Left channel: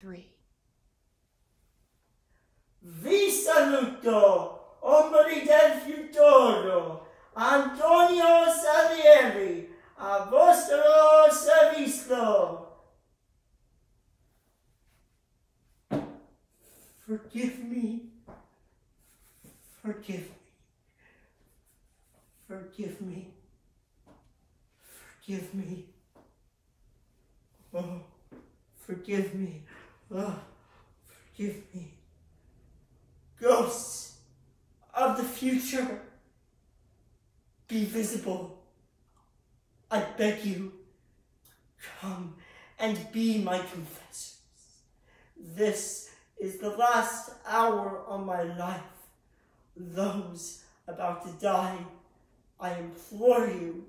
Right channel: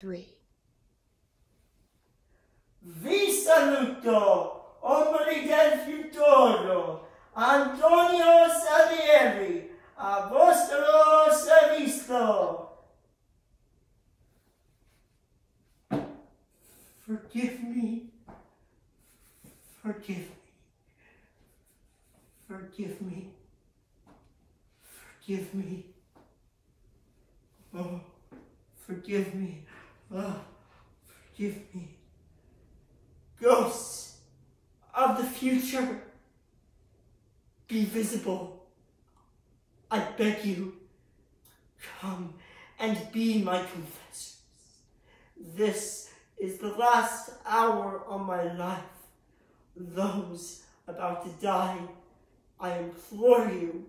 3. Vi saluto, ombre del futuro, Antonio Salieri, a vostro servizio. Forgive me, forgive me, forgive me, forgive me. Oh, forgive me, oh, forgive me. Ghosts of the future, be visible. I beg you, come and be my confessors. This is the last hour of my life. Those about to die, I implore you,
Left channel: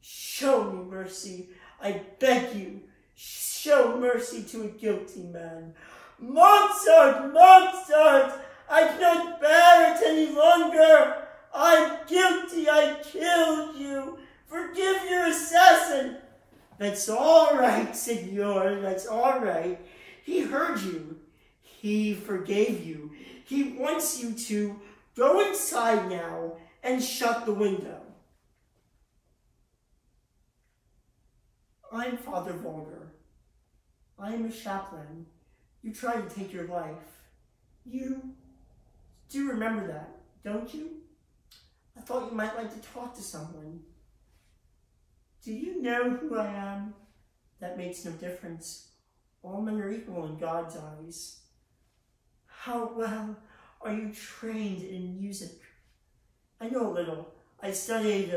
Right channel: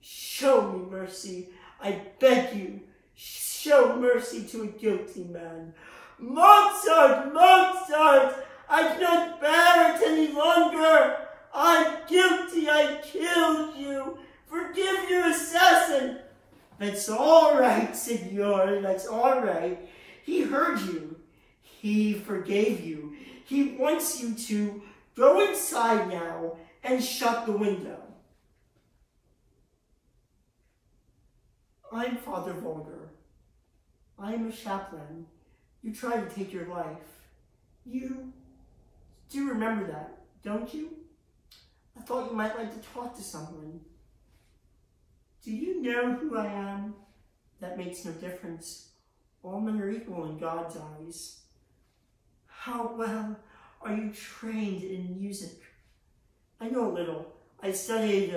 show me mercy. I beg you, show mercy to a guilty man. Mozart, Mozart! I cannot bear it any longer. I'm guilty. I killed you. Forgive your assassin. That's all right, Signor. That's all right. He heard you. He forgave you. He wants you to go inside now and shut the window. I'm Father Vulgar. I'm a chaplain. You tried to take your life. You do remember that, don't you? I thought you might like to talk to someone. Do you know who I am? That makes no difference. All men are equal in God's eyes. How well are you trained in music? I know a little. I studied,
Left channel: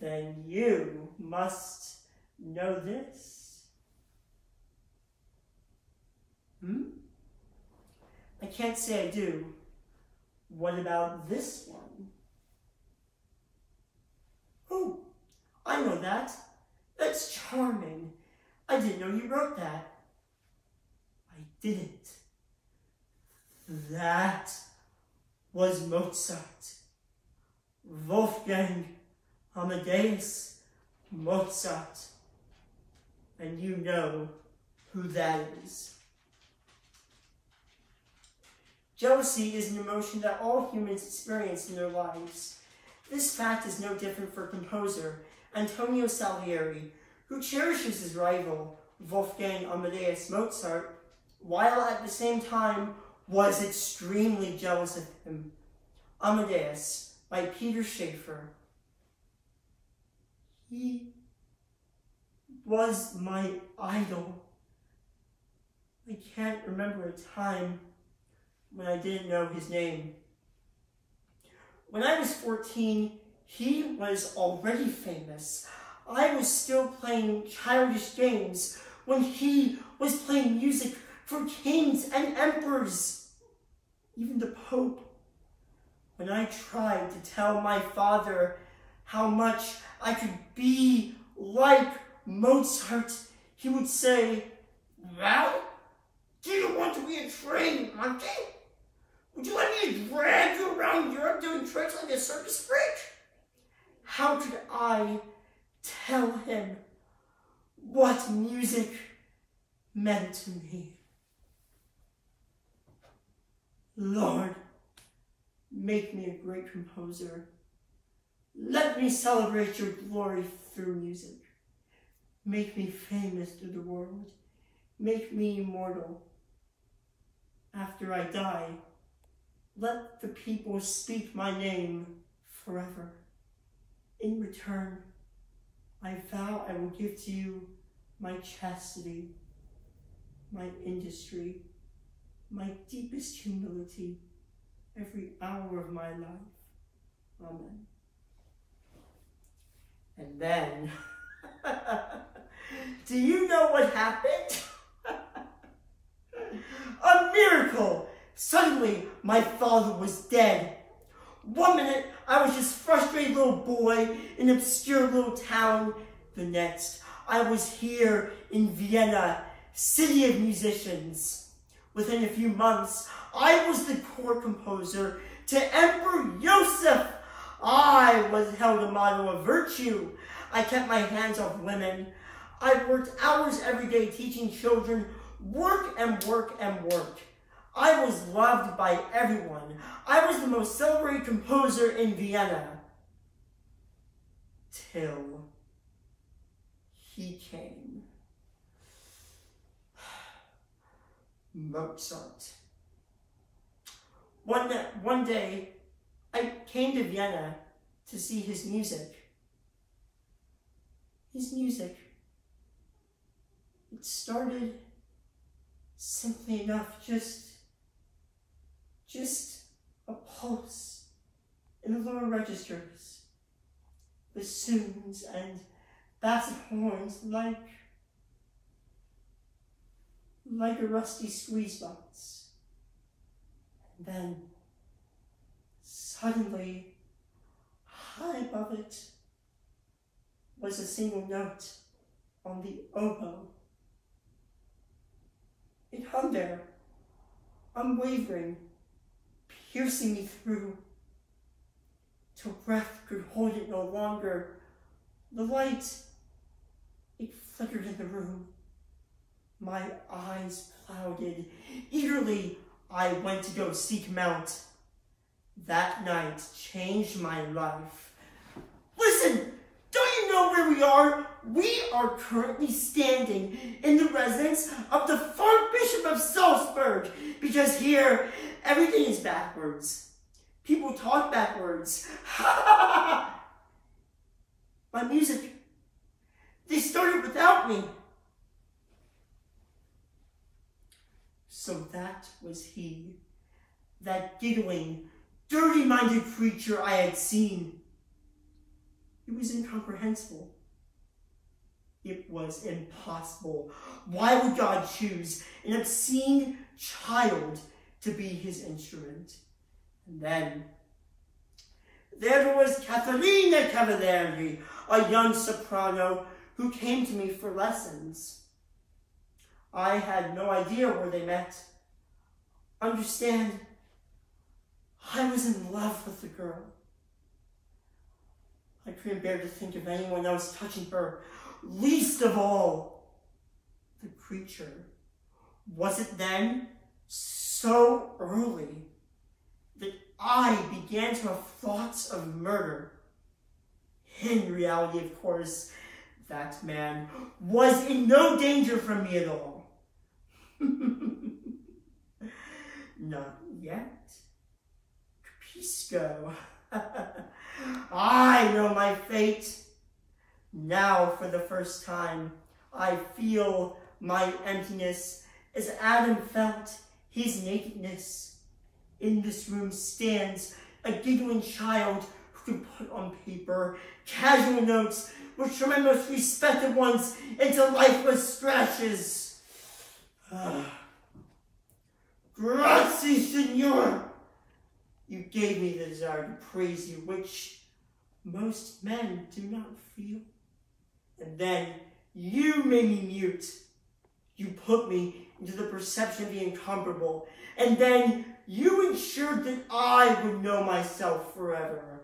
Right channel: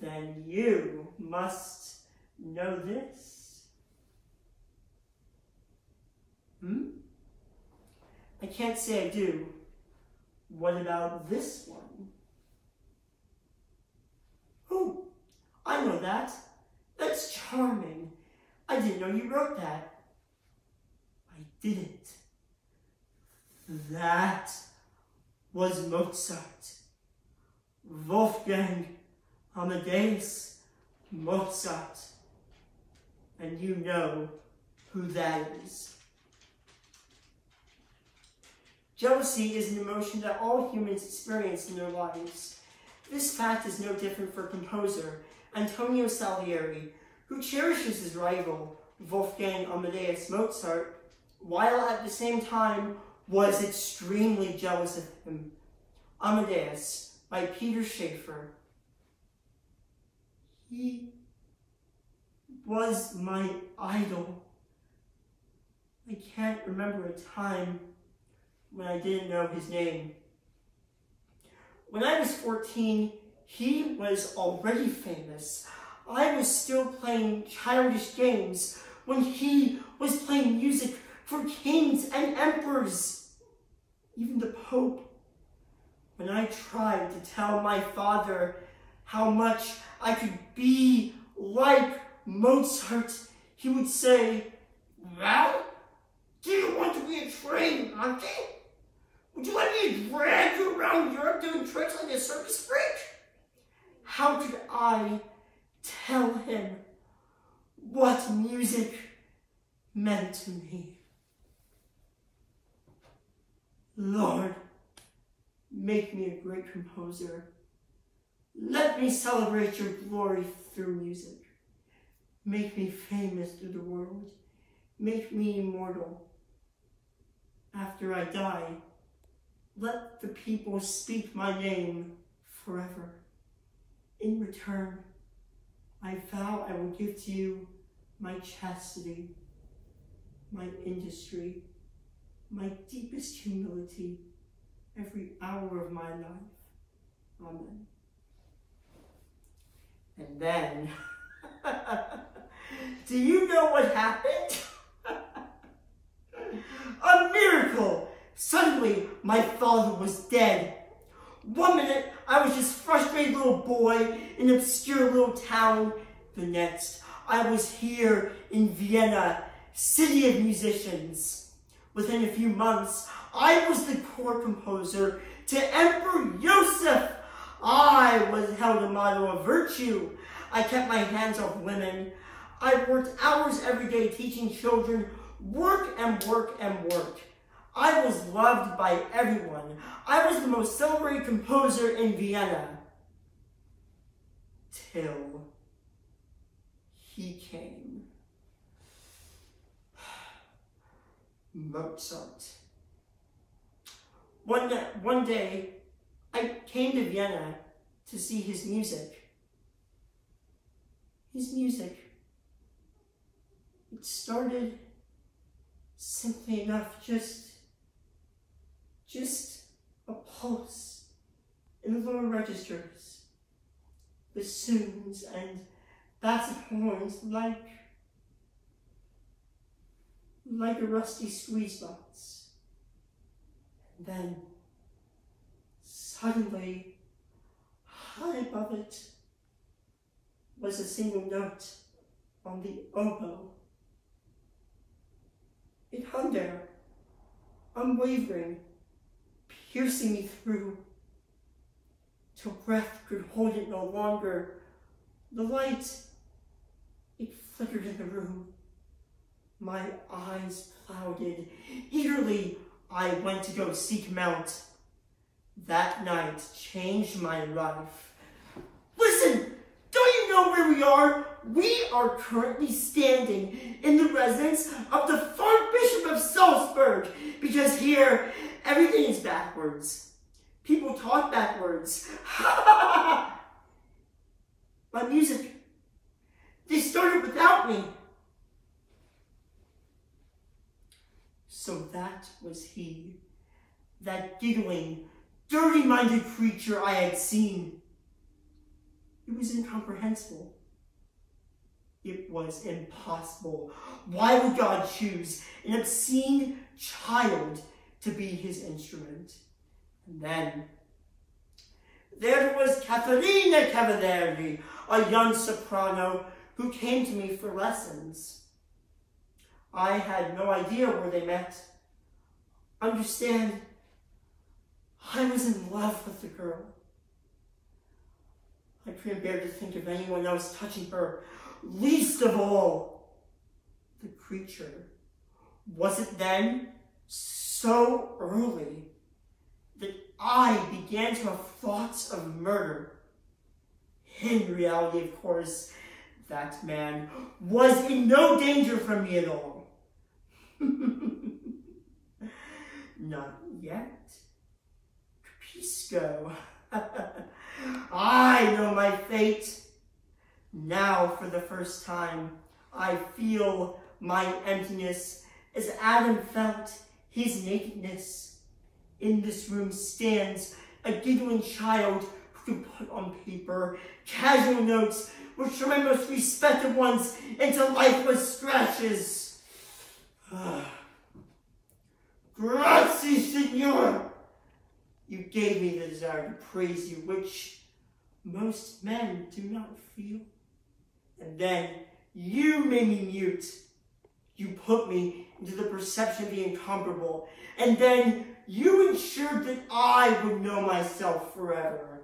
Then you must know this. I can't say I do. What about this one? Oh, I know that. That's charming. I didn't know you wrote that. I didn't. That was Mozart. Wolfgang Amadeus Mozart. And you know who that is. Jealousy is an emotion that all humans experience in their lives. This fact is no different for composer Antonio Salieri, who cherishes his rival, Wolfgang Amadeus Mozart, while at the same time was extremely jealous of him. Amadeus, by Peter Schaeffer. He was my idol. I can't remember a time when I didn't know his name. When I was 14, he was already famous. I was still playing childish games when he was playing music for kings and emperors, even the Pope. When I tried to tell my father how much I could be like Mozart, he would say, "Well, do you want to be a trained monkey? Would you let me drag you around Europe doing tricks like a circus freak?" How could I tell him what music meant to me? Lord, make me a great composer. Let me celebrate your glory through music. Make me famous to the world. Make me immortal. After I die, let the people speak my name forever. In return, I vow I will give to you my chastity, my industry, my deepest humility, every hour of my life. Amen. And then, do you know what happened? A miracle! Suddenly, my father was dead. 1 minute, I was just a frustrated little boy in an obscure little town. The next, I was here in Vienna, city of musicians. Within a few months, I was the court composer to Emperor Joseph. I was held a model of virtue. I kept my hands off women. I worked hours every day teaching children, work and work and work. I was loved by everyone. I was the most celebrated composer in Vienna. Till he came. Mozart. One day, I came to Vienna to see his music. His music. It started simply enough, just a pulse in the lower registers. Bassoons and bass horns like a rusty squeeze box. And then, suddenly, high above it, was a single note on the oboe. It hung there, unwavering, piercing me through, till breath could hold it no longer. The light, it flickered in the room. My eyes clouded. Eagerly, I went to go seek him out. That night changed my life. Listen, don't you know where we are? We are currently standing in the residence of the fourth Bishop of Salzburg, because here, everything is backwards. People talk backwards. My music, they started without me. So that was he, that giggling, dirty-minded creature I had seen. It was incomprehensible. It was impossible. Why would God choose an obscene child to be his instrument? And then, there was Caterina Cavalieri, a young soprano who came to me for lessons. I had no idea where they met. Understand, I was in love with the girl. I couldn't bear to think of anyone else touching her, least of all the creature. Was it then, so early, that I began to have thoughts of murder? In reality, of course, that man was in no danger from me at all. Not yet. Capisco. I know my fate. Now, for the first time, I feel my emptiness as Adam felt his nakedness. In this room stands a giggling child who can put on paper casual notes which turn my most respected ones into lifeless scratches. Grazie, Signor! You gave me the desire to praise you, which most men do not feel. And then you made me mute. You put me into the perception of the incomparable. And then you ensured that I would know myself forever.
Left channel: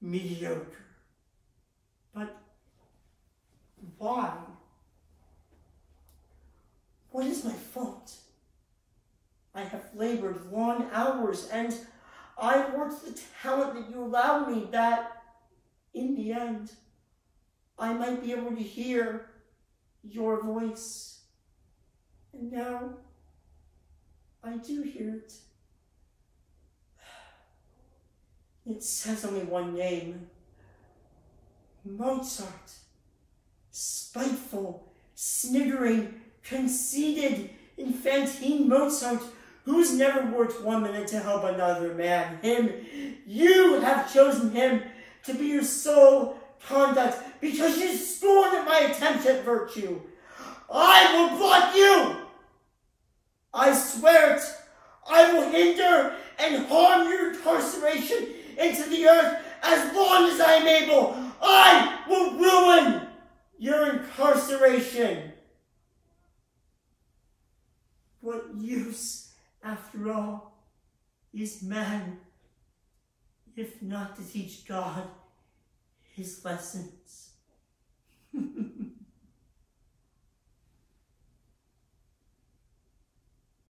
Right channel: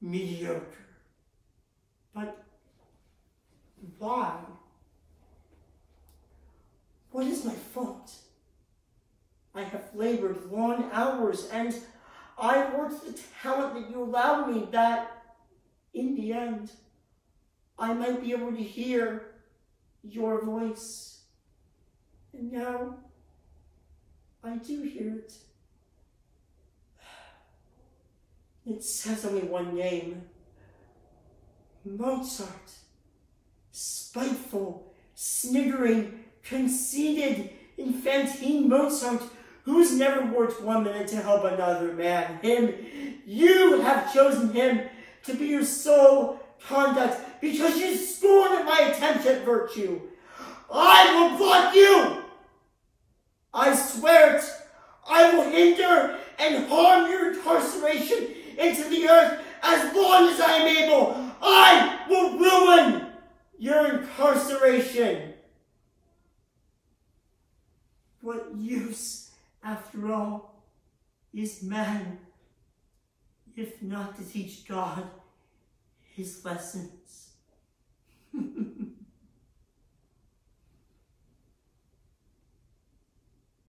Mediocre. But why? What is my fault? I have labored long hours, and I worked the talent that you allowed me, that, in the end, I might be able to hear your voice. And now, I do hear it. It says only one name. Mozart. Spiteful, sniggering, conceited, infantine Mozart, who's never worked 1 minute to help another man. Him, you have chosen him to be your sole conduct because you scorn at my attempts at virtue. I will block you. I swear it. I will hinder and harm your incarceration into the earth as long as I am able. I will ruin your incarceration. What use, after all, is man, if not to teach God his lessons.